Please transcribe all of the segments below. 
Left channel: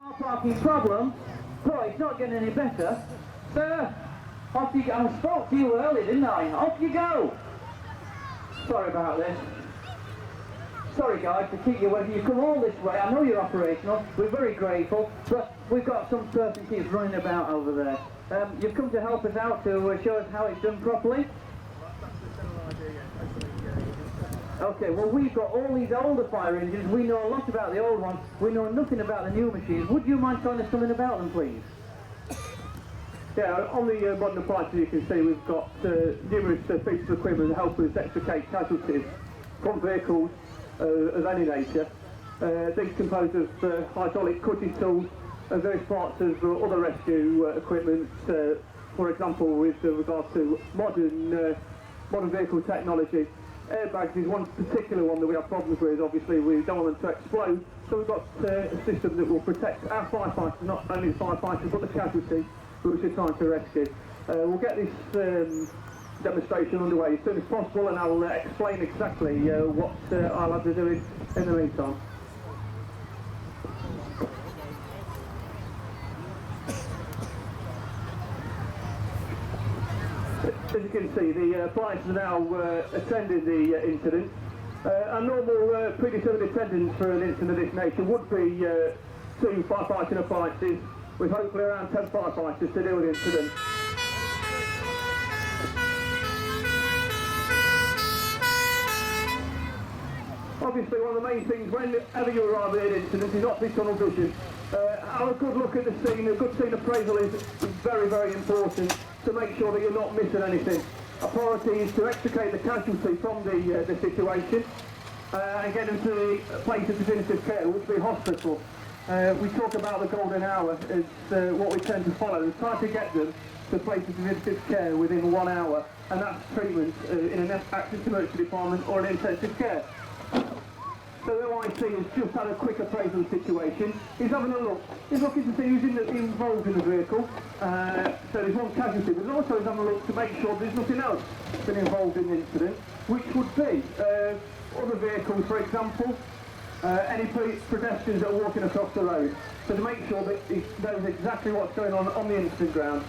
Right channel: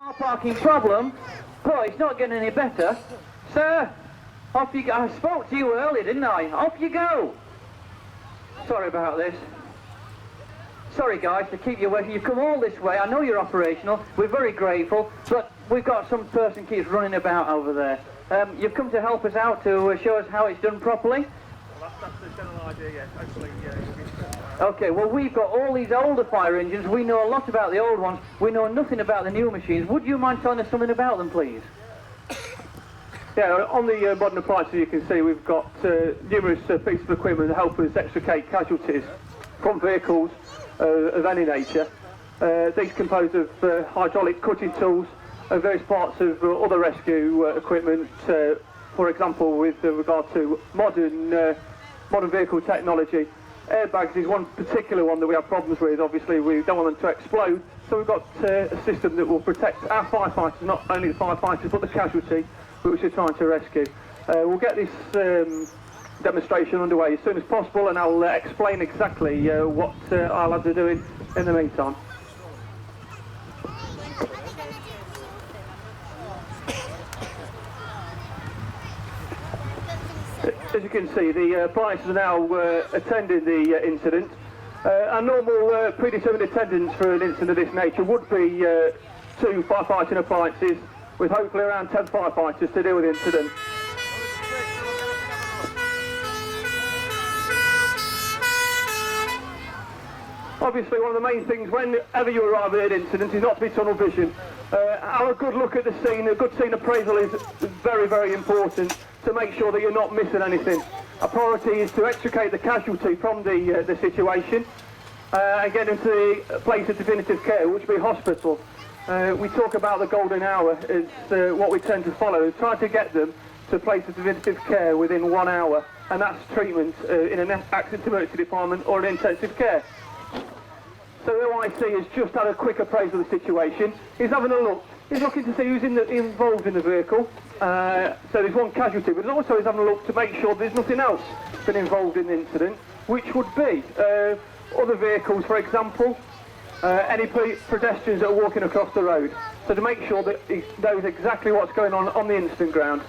Car parking problem? Boy, it's not getting any better. Sir, off you go. I spoke to you earlier, didn't I? Off you go. Sorry about this. Sorry guys, to keep you waiting. You've come all this way. I know you're operational. We're very grateful, but we've got some person keeps running about over there. You've come to help us out to show us how it's done properly? Well, that's the general idea, yes. Hopefully, we'll get Okay, well we've got all these older fire engines. We know a lot about the old ones. We know nothing about the new machines. Would you mind telling us something about them, please? Yeah, on the modern appliances you can see we've got numerous pieces of equipment that help us extricate casualties from vehicles of any nature. These composed of hydraulic cutting tools and various parts of other rescue equipment, for example with regard to modern vehicle technology. Airbags is one particular one that we have problems with. Obviously we don't want them to explode, so we've got a system that will protect our firefighters, not only the firefighters but the casualty which we're trying to rescue. We'll get this demonstration underway as soon as possible, and I'll explain exactly what our lads are doing in the meantime. As you can see, the appliances are now attending the incident. Our normal predetermined attendance for an incident of this nature would be 2 firefighting appliances with hopefully around 10 firefighters to deal with the incident. Obviously one of the main things whenever you arrive at an incident is not to be tunnel vision. Have a good look at the scene. A good scene appraisal is very, very important to make sure that you're not missing anything. Our priority is to extricate the casualty from the situation and get into the place of definitive care, which will be hospital. We talk about the golden hour as what we tend to follow, and try to get them to a place of definitive care within 1 hour, and that's treatment in an accident emergency department or an intensive care. So the OIC has just had a quick appraisal of the situation. He's having a look. He's looking to see who's involved in the vehicle. So there's one casualty, but also he's having a look to make sure there's nothing else been involved in the incident, which would be other vehicles, for example, any pedestrians that are walking across the road. So to make sure that he knows exactly what's going on the incident ground.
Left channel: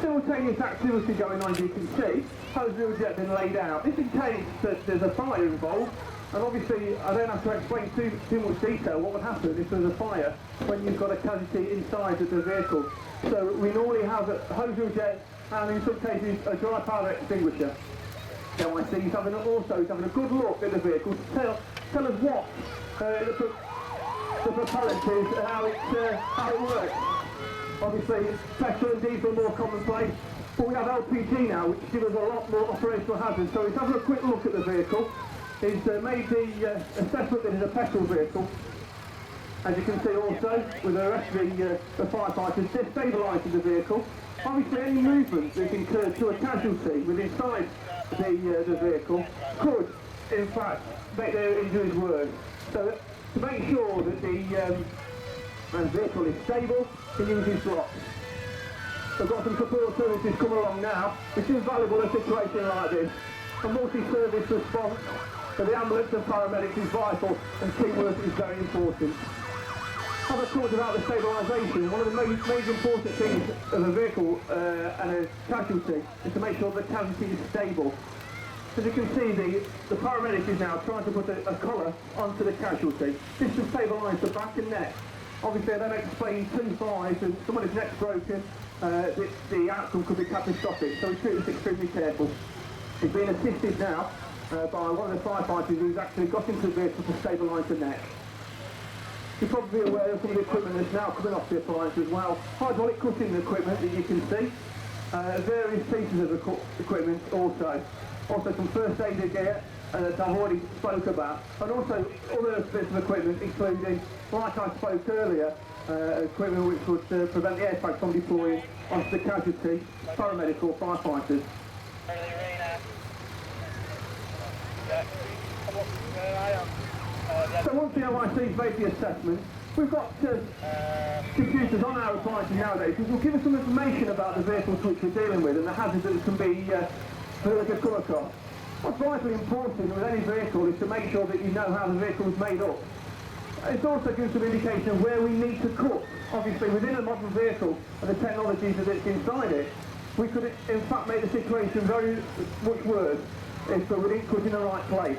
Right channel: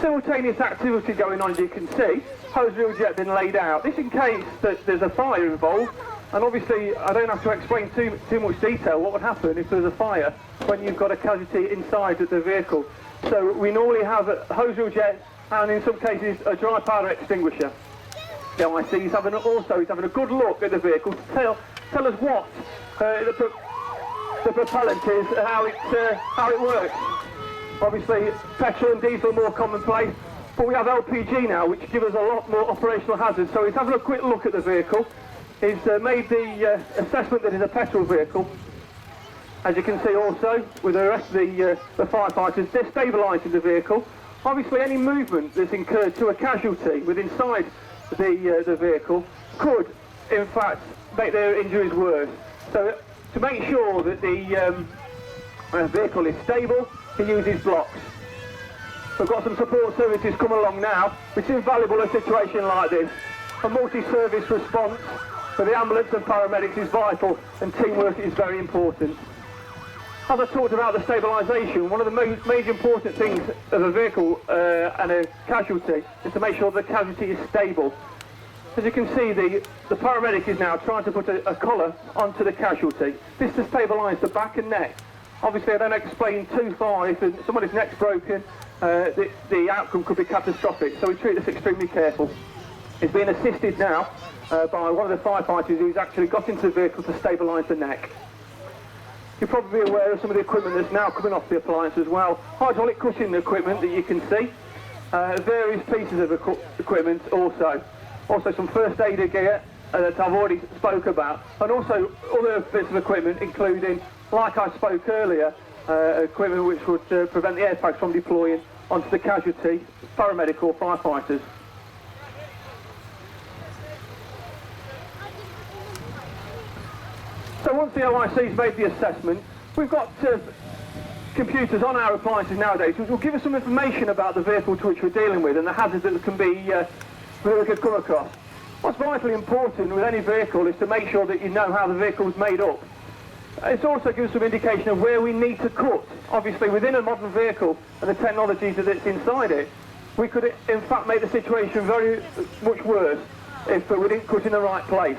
Simultaneous activity going on, as you can see. Hose reel jet been laid out. This in case that there's a fire involved, and obviously I don't have to explain too much detail what would happen if there's a fire when you've got a casualty inside of the vehicle. So we normally have a hose reel jet and in some cases a dry powder extinguisher. So I see he's having a good look at the vehicle to tell us what the propellant is and how it works. Obviously petrol and diesel are more commonplace, but we have LPG now, which gives us a lot more operational hazards. So he's having a quick look at the vehicle. He's made the assessment that it's a petrol vehicle. As you can see also, with the rest of the firefighters, they're stabilising the vehicle. Obviously any movement that's incurred to a casualty within inside the vehicle could, in fact, make their injuries worse. So to make sure that the vehicle is stable, he uses blocks. We've got some support services coming along now, which is invaluable in a situation like this. A multi-service response for the ambulance and paramedics is vital, and teamwork is very important. As I talked about the stabilisation, one of the major important things of a vehicle and a casualty is to make sure the casualty is stable. As you can see, the paramedic is now trying to put a collar onto the casualty. This to stabilise the back and neck. Obviously I don't explain too far, if somebody's neck's broken, the outcome could be catastrophic, so we treat this extremely careful. He's being assisted now by one of the firefighters who's actually got into the vehicle to stabilise the neck. You're probably aware of some of the equipment that's now coming off the appliance as well. Hydraulic cutting equipment that you can see, various pieces of equipment also. Also some first aid gear that I've already spoke about, and also other bits of equipment including, like I spoke earlier, equipment which would prevent the airbags from deploying onto the casualty, paramedic or firefighters. So once the OIC's made the assessment, we've got computers on our appliances nowadays which will give us some information about the vehicle to which we're dealing with and the hazards that can be come across. What's vitally important with any vehicle is to make sure that you know how the vehicle is made up. It also gives some indication of where we need to cut. Obviously, within a modern vehicle and the technology that's inside it, we could in fact make the situation very much worse if we didn't cut in the right place.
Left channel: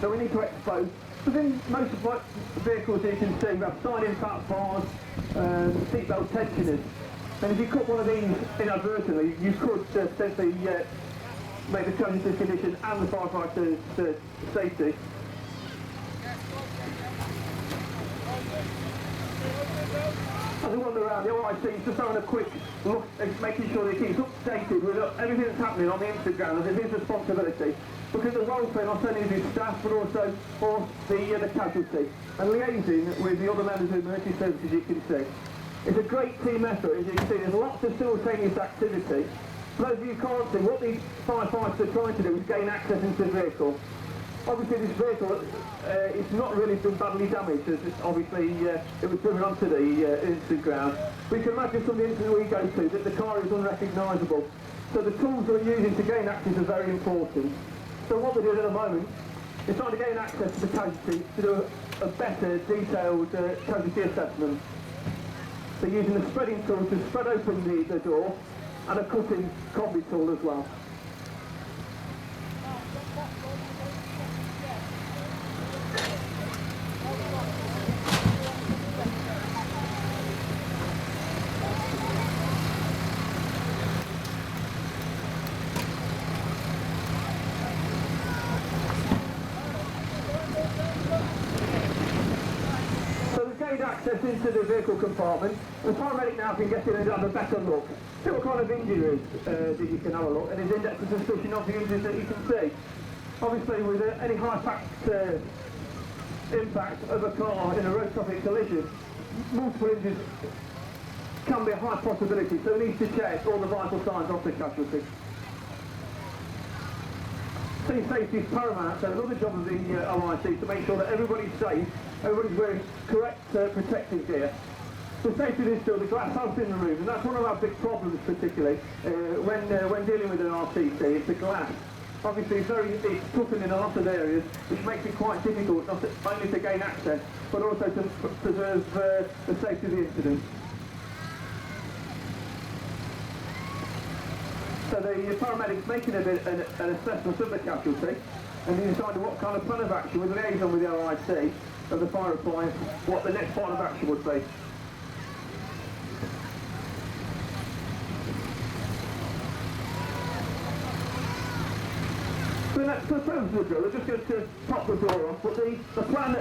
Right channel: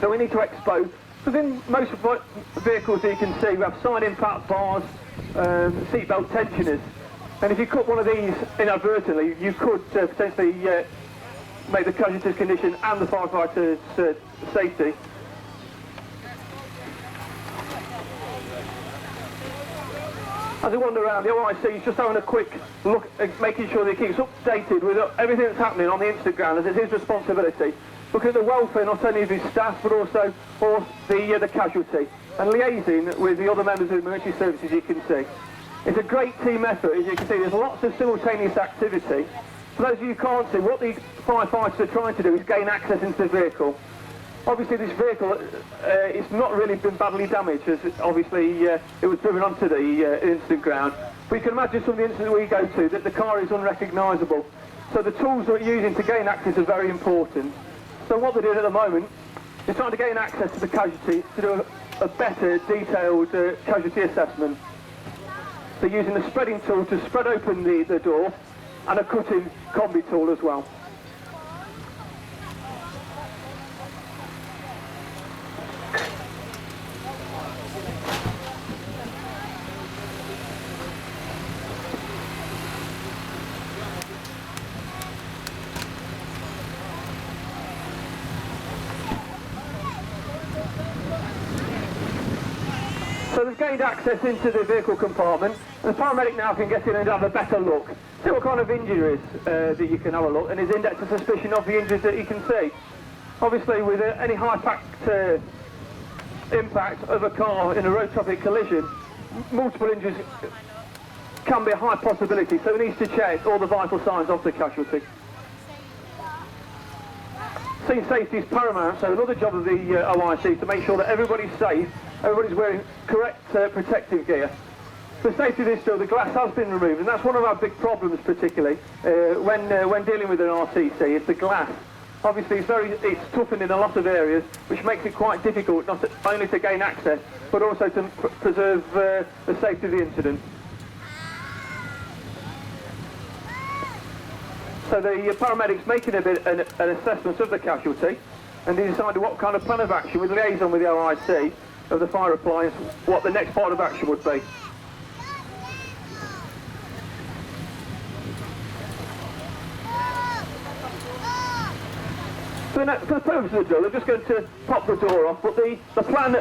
So we need to expose. Within most of the vehicles that you can see, we have side impact bars, seatbelt tensioners. And if you cut one of these inadvertently, you could potentially make the casualties condition and the firefighter's safety. As we wander around, the OIC is just having a quick look at making sure that he keeps updated with everything that's happening on the incident ground, as it's his responsibility. Looking at the welfare not only of his staff but also of the casualty, and liaising with the other members of the emergency services, you can see. It's a great team effort, as you can see. There's lots of simultaneous activity. For those of you who can't see, what these firefighters are trying to do is gain access into the vehicle. Obviously this vehicle, it's not really been badly damaged, as obviously it was driven onto the incident ground. But you can imagine some of the incidents we go to that the car is unrecognisable. So the tools that we're using to gain access are very important. So what we're doing at the moment is trying to gain access to the casualty to do a better detailed casualty assessment. So using the spreading tool to spread open the door and a cutting combi tool as well. So they've gained access into the vehicle compartment, and the paramedic now can get in and have a better look. See what kind of injuries that you can have a look, and his index of suspicion of the injuries that you can see. Obviously with any high-packed impact of a car in a road traffic collision, multiple injuries can be a high possibility, so he needs to check all the vital signs of the casualty. Scene safety is paramount, so another job of the OIC is to make sure that everybody's safe, everybody's wearing correct protective gear. For safety of this still, the glass has been removed, and that's one of our big problems particularly when dealing with an RCC, is the glass. Obviously it's toughened in a lot of areas, which makes it quite difficult not only to gain access, but also to preserve the safety of the incident. So the paramedics making an assessment of the casualty, and they decided what kind of plan of action, with liaison with the OIC of the fire appliance, what the next part of action would be. For the purpose of the drill, they're just going to pop the door off, but the plan